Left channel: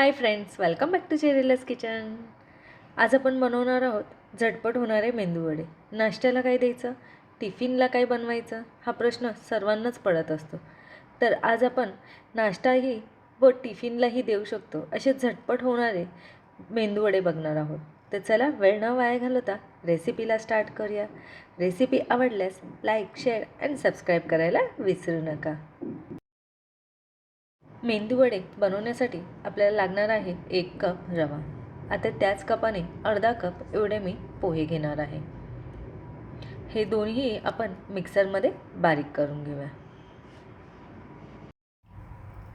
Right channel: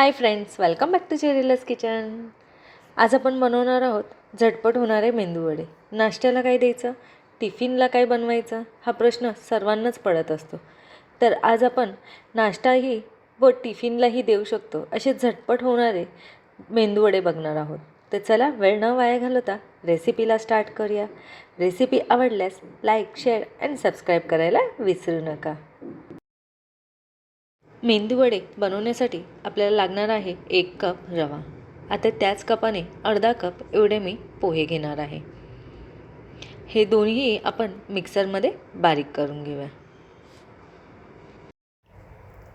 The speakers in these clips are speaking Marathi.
High friends, welcome back to Cheryl's kitchen. आज आपण बनवणार आहोत झटपट होणारे मेंदूवडे. नाश्त्याला काय द्यायचं, टिफिनला काय बनवायचं, हा प्रश्न सर्वांनाच पडत असतो. तर आज आपण नाश्ताही व टिफिनलाही देऊ शकतो असे झटपट होणारे मेंदूवडे बघणार आहोत. तर चला वेळ न वाया घालवता रेसिपीला स्टार्ट करूया. रेसिपी आवडल्यास लाईक, शेअर आणि सबस्क्राईब करायला विसरू नका. मेंदूवडे बनवण्यासाठी आपल्याला लागणार आहे 1 कप रवा. आता त्याच कपाने अर्धा कप एवढे मी पोहे घेणार आहे. हे दोन्ही आपण मिक्सरमध्ये बारीक करून घेऊया.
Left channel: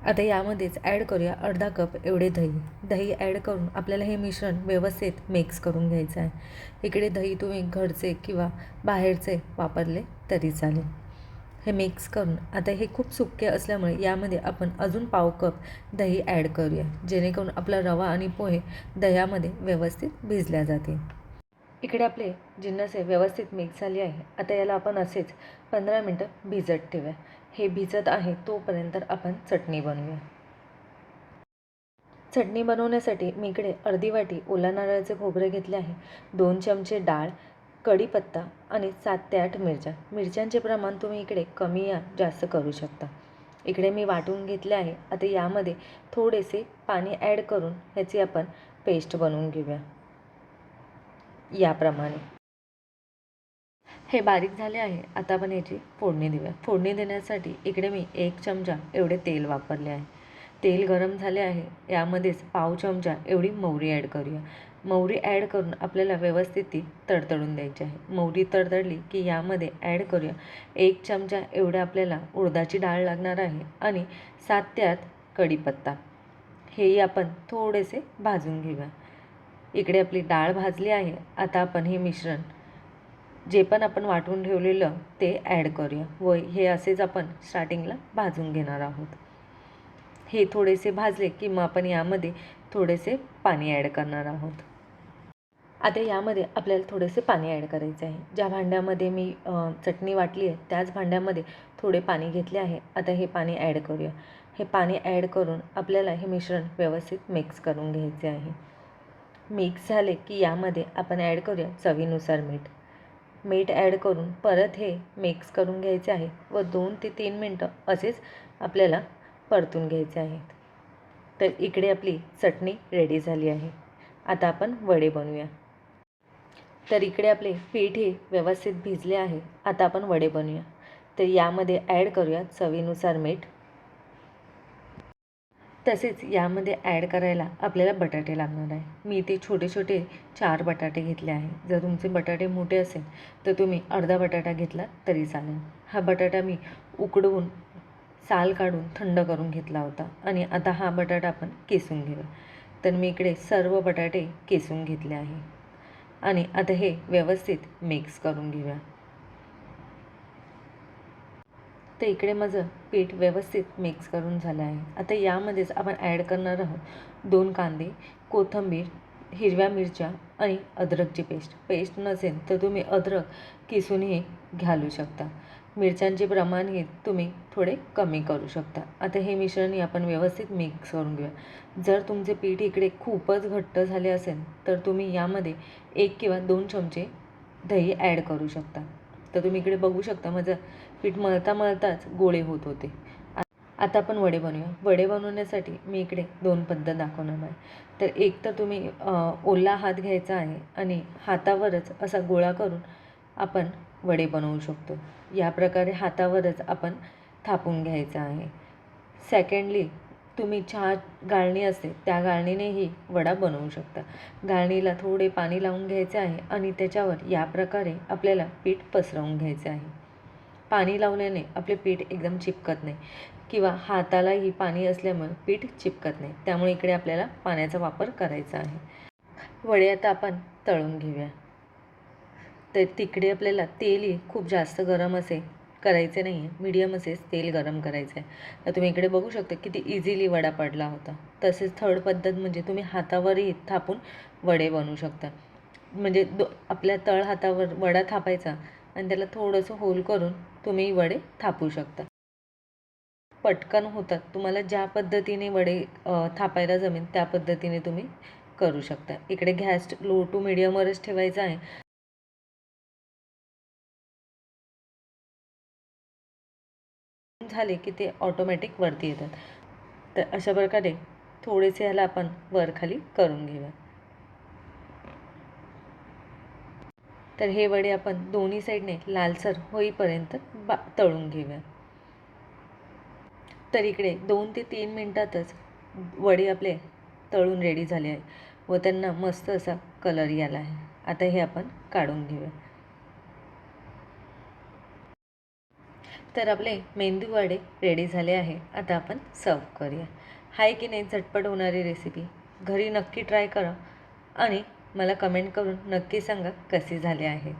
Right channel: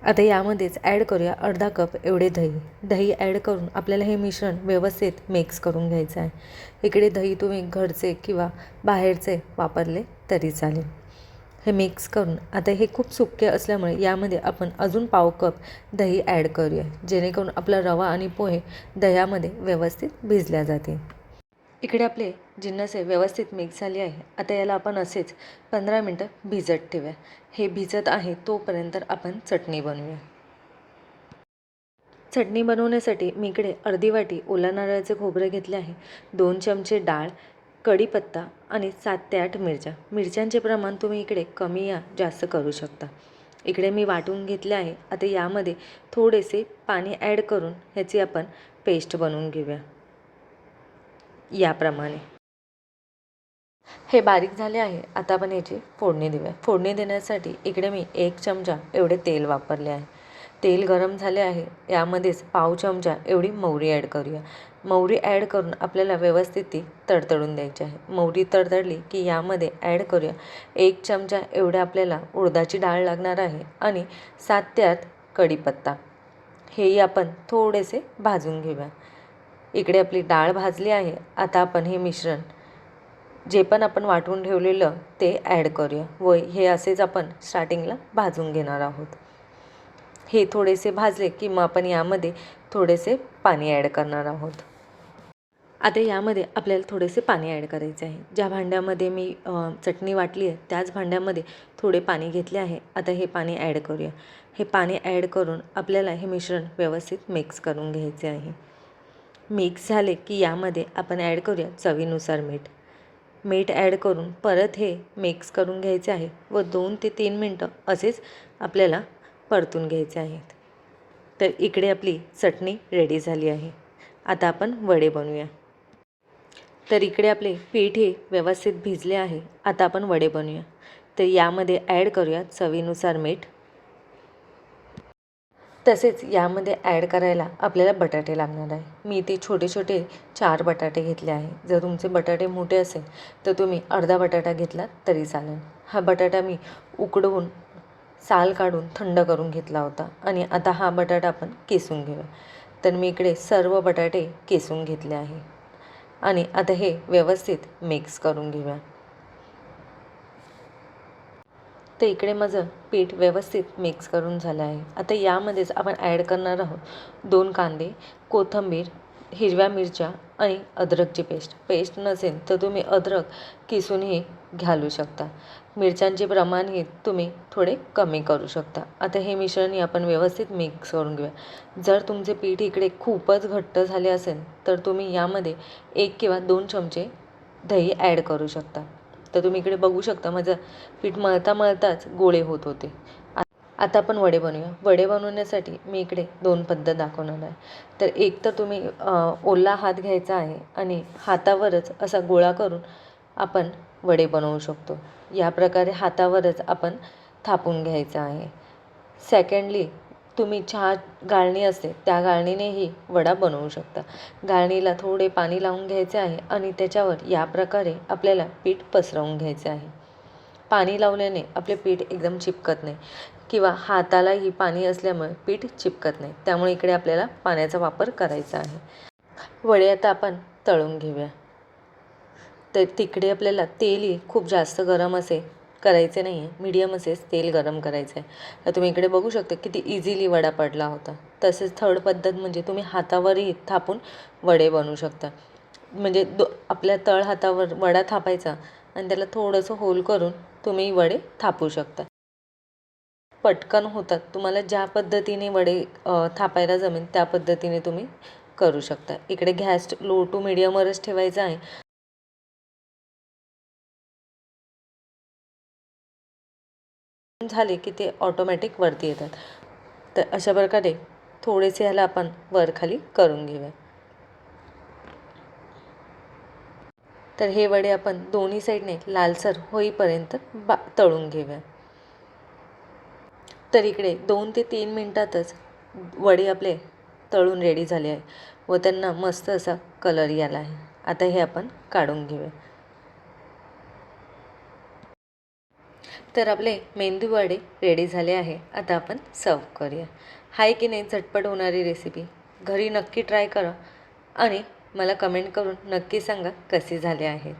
आता यामध्येच ॲड करूया अर्धा कप एवढे दही ॲड करून आपल्याला हे मिश्रण व्यवस्थित मिक्स करून घ्यायचं आहे. इकडे दही तुम्ही घरचे किंवा बाहेरचे वापरले तरी चालेल. हे मिक्स करून आता हे खूप सुके असल्यामुळे यामध्ये आपण अजून पाव कप दही ॲड करूया, जेणेकरून आपला रवा आणि पोहे दह्यामध्ये व्यवस्थित भिजल्या जातील. इकडे आपले जिन्नस व्यवस्थित मिक्स झाले आहे. आता याला आपण असेच 15 मिनटं भिजत ठेवूया. हे भिजत आहे तोपर्यंत आपण चटणी बनवूया. चटणी बनवण्यासाठी मी इकडे अर्धी वाटी ओला नारळाचे खोबरे घेतले आहे, 2 चमचे डाळ, कढीपत्ता आणि 7 ते 8 मिरच्या. मिरच्यांचे प्रमाण तुम्ही इकडे कमी या जास्त करू शकता. इकडे मी वाटून घेतले आहे. आता यामध्ये थोडेसे पाणी ॲड करून ह्याची आपण पेस्ट बनवून घेऊया. याप्रमाणे हे बारीक झाले आहे. आता आपण याची फोडणी देऊया. फोडणी देण्यासाठी इकडे मी 1 चमचा एवढे तेल वापरले आहे. तेल गरम झाले आहे. यामध्येच पाव चमचा एवढी मोहरी ॲड करूया. मोहरी ॲड करून आपल्याला व्यवस्थित ती तडतडून द्यायची आहे. मोहरी तडतडली की यामध्ये ॲड करूया 1 चमचा एवढं आपल्याला उडदाची डाळ लागणार आहे आणि 7 ते 8 कढीपत्ता. हेही आपण थोडेसे भाजून घेऊया. इकडे आपली डाळ भाजली आहे. आता आपण हे मिश्रण जे पण आपण वाटून ठेवलेलं ते ॲड करूया व हे असेच आपण स्टार्टिंगला भाजून घेणार आहोत. हे थोडेसे भाजले की मग आपण यामध्ये थोडेसे पाणी ॲड करणार आहोत. आता यामध्ये आपल्याला थोडेसे पाणी ॲड करायचे आहे. ज्या भांड्यामध्ये मी चटणी वाटली आहे त्याच भांड्यामध्ये थोडे पाणी घेतले आहे. आता हे पाणी ॲड करूया. हे पाणी ॲड करून आपल्याला हे मिश्रण व्यवस्थित मिक्स करून घ्यायचे आहे. मिक्स झाले की यामध्ये आपण ॲड करूया चवीनुसार मीठ. मीठ ॲड करून परत हे मिक्स करून घ्यायचे आहे व 2 ते 3 मिनटं असेच आपल्याला परतून घ्यायचे आहेत. तर इकडे आपली चटणी रेडी झाली आहे. आता आपण वडे बनवूया. तर इकडे आपले पीठ हे व्यवस्थित भिजले आहे. आता आपण वडे बनवूया. तर यामध्ये ॲड करूया चवीनुसार मीठ. तसेच यामध्ये ॲड करायला आपल्याला बटाटे लागणार आहे. मी इथे छोटे छोटे 4 बटाटे घेतले आहे. जर तुमचे बटाटे मोठे असेल तर तुम्ही अर्धा बटाटा घेतला तरी चालेल. हा बटाटा मी उकडवून साल काढून थंड करून घेतला होता आणि आता हा बटाटा आपण किसून घेऊया. तर मी इकडे सर्व बटाटे किसून घेतले आहे आणि आता हे व्यवस्थित मिक्स करून घेऊया. तर इकडे माझं पीठ व्यवस्थित मिक्स करून झालं आहे. आता यामध्येच आपण ॲड करणार आहोत 2 कांदे, कोथिंबीर, हिरव्या मिरच्या आणि अद्रकची पेस्ट. पेस्ट नसेल तर तुम्ही अद्रक किसूनही घालू शकता. मिरच्यांचे प्रमाणही तुम्ही थोडे कमी करू शकता. आता हे मिश्रण आपण व्यवस्थित मिक्स करून घेऊया. जर तुमचे पीठ इकडे खूपच घट्ट झाले असेल तर तुम्ही यामध्ये 1 किंवा 2 चमचे दही ॲड करू शकता. तर तुम्ही इकडे बघू शकता माझं पीठ मळताच गोळे होत होते. आता आपण वडे बनवूया. वडे बनवण्यासाठी मी इकडे 2 पद्धत दाखवणार आहे. तर एक तर तुम्ही ओला हात घ्यायचा आहे आणि हातावरच असा गोळा करून आपण वडे बनवू शकतो. या प्रकारे हातावरच आपण थापून घ्यायचं आहे. सेकंडली तुम्ही चहा गाळणी असते त्या गाळणीनेही वडा बनवू शकता. गाळणीला थोडे पाणी लावून घ्यायचे आहे आणि त्याच्यावर या प्रकारे आपल्याला पीठ पसरवून घ्यायचे आहे. पाणी लावल्याने आपले पीठ एकदम चिपकत नाही किंवा हातालाही पाणी असल्यामुळे पीठ चिपकत नाही. त्यामुळे इकडे आपल्याला पाण्याचा वापर करायचा आहे. वडे आता आपण तळून घेऊया. तर तिकडे आपल्याला तेलही खूप जास्त गरम करायचे नाही आहे, मीडियम असेच तेल गरम करायचं आहे. तर तुम्ही इकडे बघू शकता किती इझिली वडा पडला होता. तसेच थर्ड पद्धत म्हणजे तुम्ही हातावरही थापून वडे बनवू शकता. म्हणजे आपल्या तळ हातावर वडा थापायचा आणि त्याला थोडंसं होल करून तुम्ही वडे थापू शकता. पटकन होतात. तुम्हाला ज्या पद्धतीने वडे थापायला जमेल त्या पद्धतीने तुम्ही करू शकता. इकडे गॅस लो टू मीडियमवरच ठेवायचा आहे. झाले की ते ऑटोमॅटिक वरती येतात. तर अशा प्रकारे थोडेसे ह्याला आपण वर खाली करून घेऊया. तर हे वडे आपण दोन्ही साईडने लालसर होईपर्यंत तळून घेऊया. तर इकडे 2 ते 3 मिनटातच वडे आपले तळून रेडी झाले आहे व त्यांना मस्त असा कलर यायला आहे. आता हे आपण काढून घेऊया. तर आपले मेंदू वडे रेडी झाले आहे. आता आपण सर्व करूया. हाय की नाही झटपट होणारी रेसिपी घरी नक्की ट्राय करा आणि मला कमेंट करून नक्की सांगा कसे झाले आहेत.